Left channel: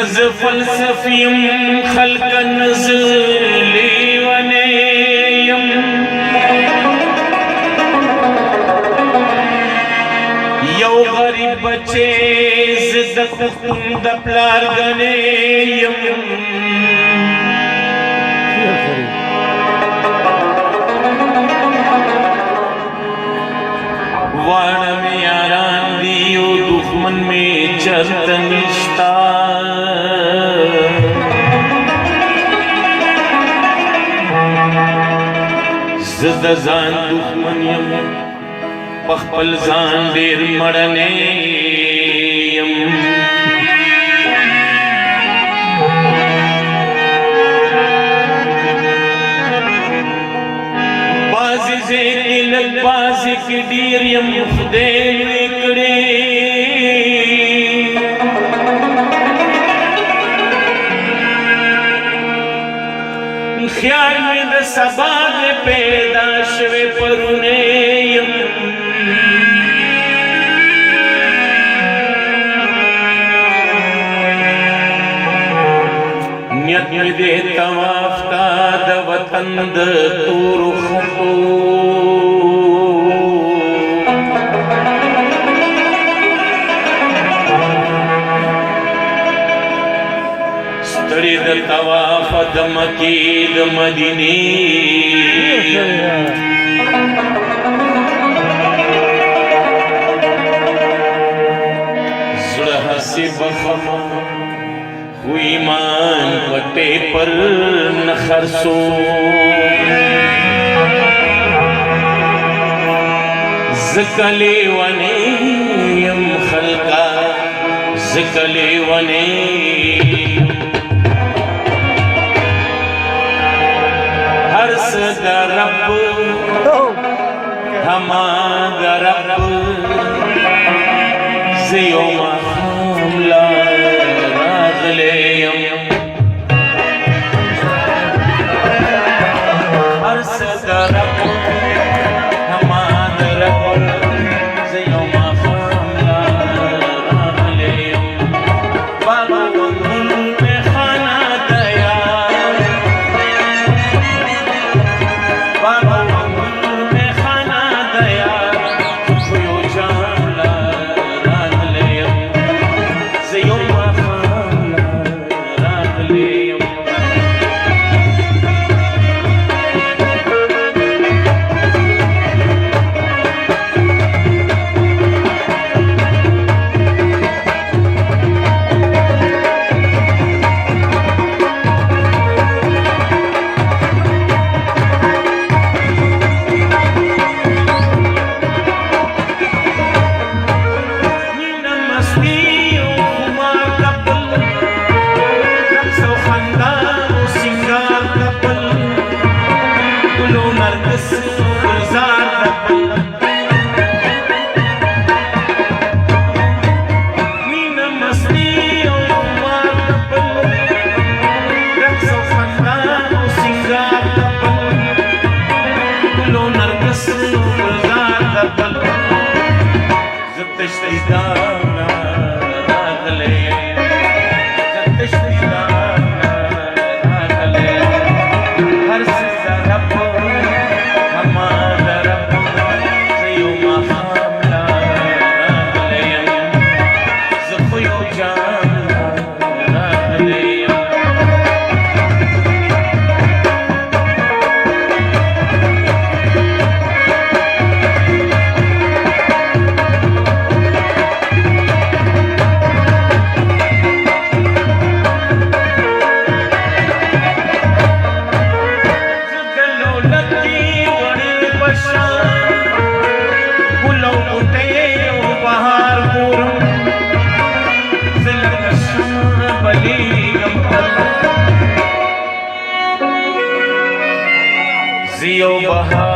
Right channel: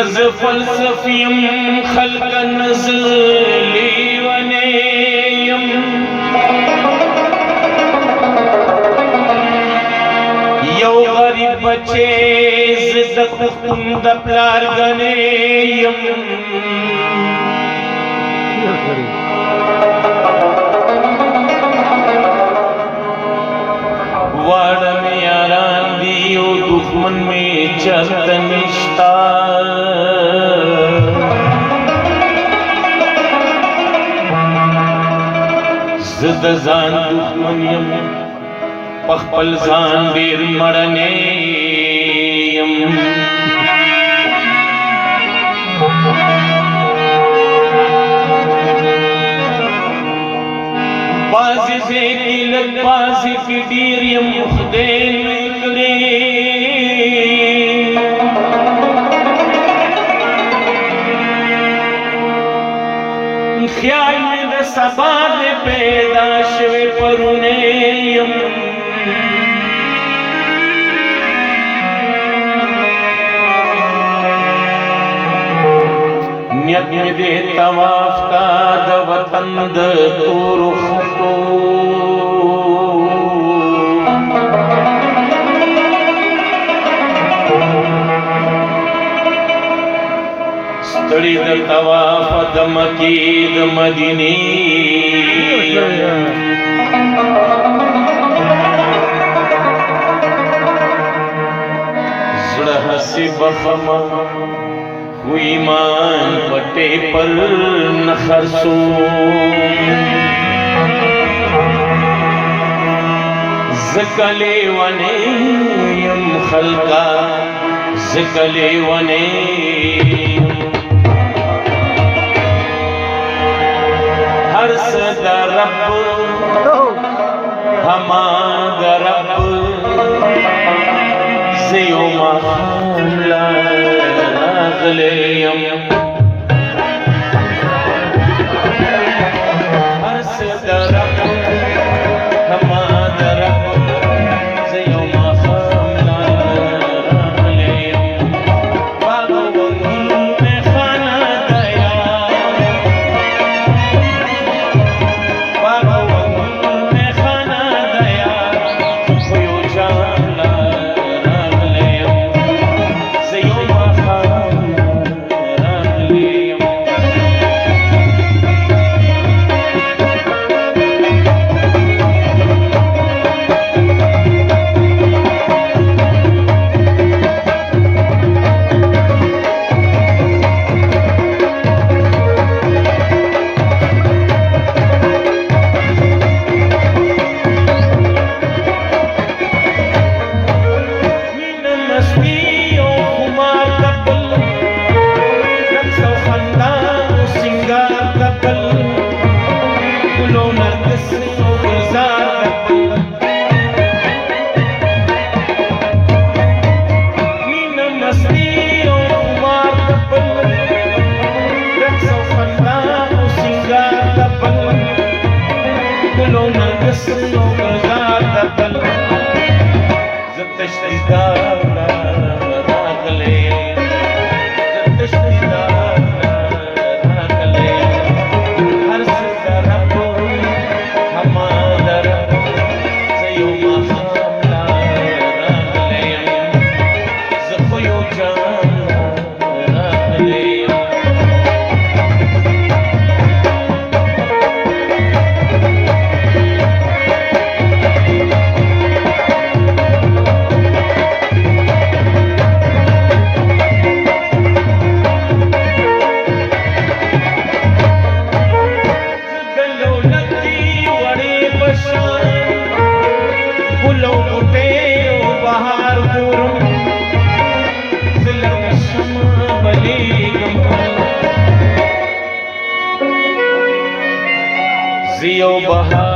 نز فلسفیم خلق نزلی ونیم یو غریب بچے زد پختون د پلار گنیم وارم یاران دیو دخمن میں چرت نشتا زد زان دخمن یم پخپل زان دیر مڑنے یم بازی زیکی لگ بازی کی دیر یم خدے وکڑی خیال میں دا سبا دے پیدا شوے پرونے یم نیت میں دے تواف تا دا وطن دا تور خطو ستڑی دا تواف دا مکی دا مدینی زڑہ سی بخما ایمان پٹے پر نخرسو زکلے ونیم خلقا زکلے ونیم ہر صدا رب ہما دا رب زیو محملہ راغلیم ہر صدا رب ہما دا رب زیو محملہ راغلیم باغ ونگل میں خانہ دیا باغ ونگل میں خانہ دیا خویو جانا راغلیم زیو زیو بہار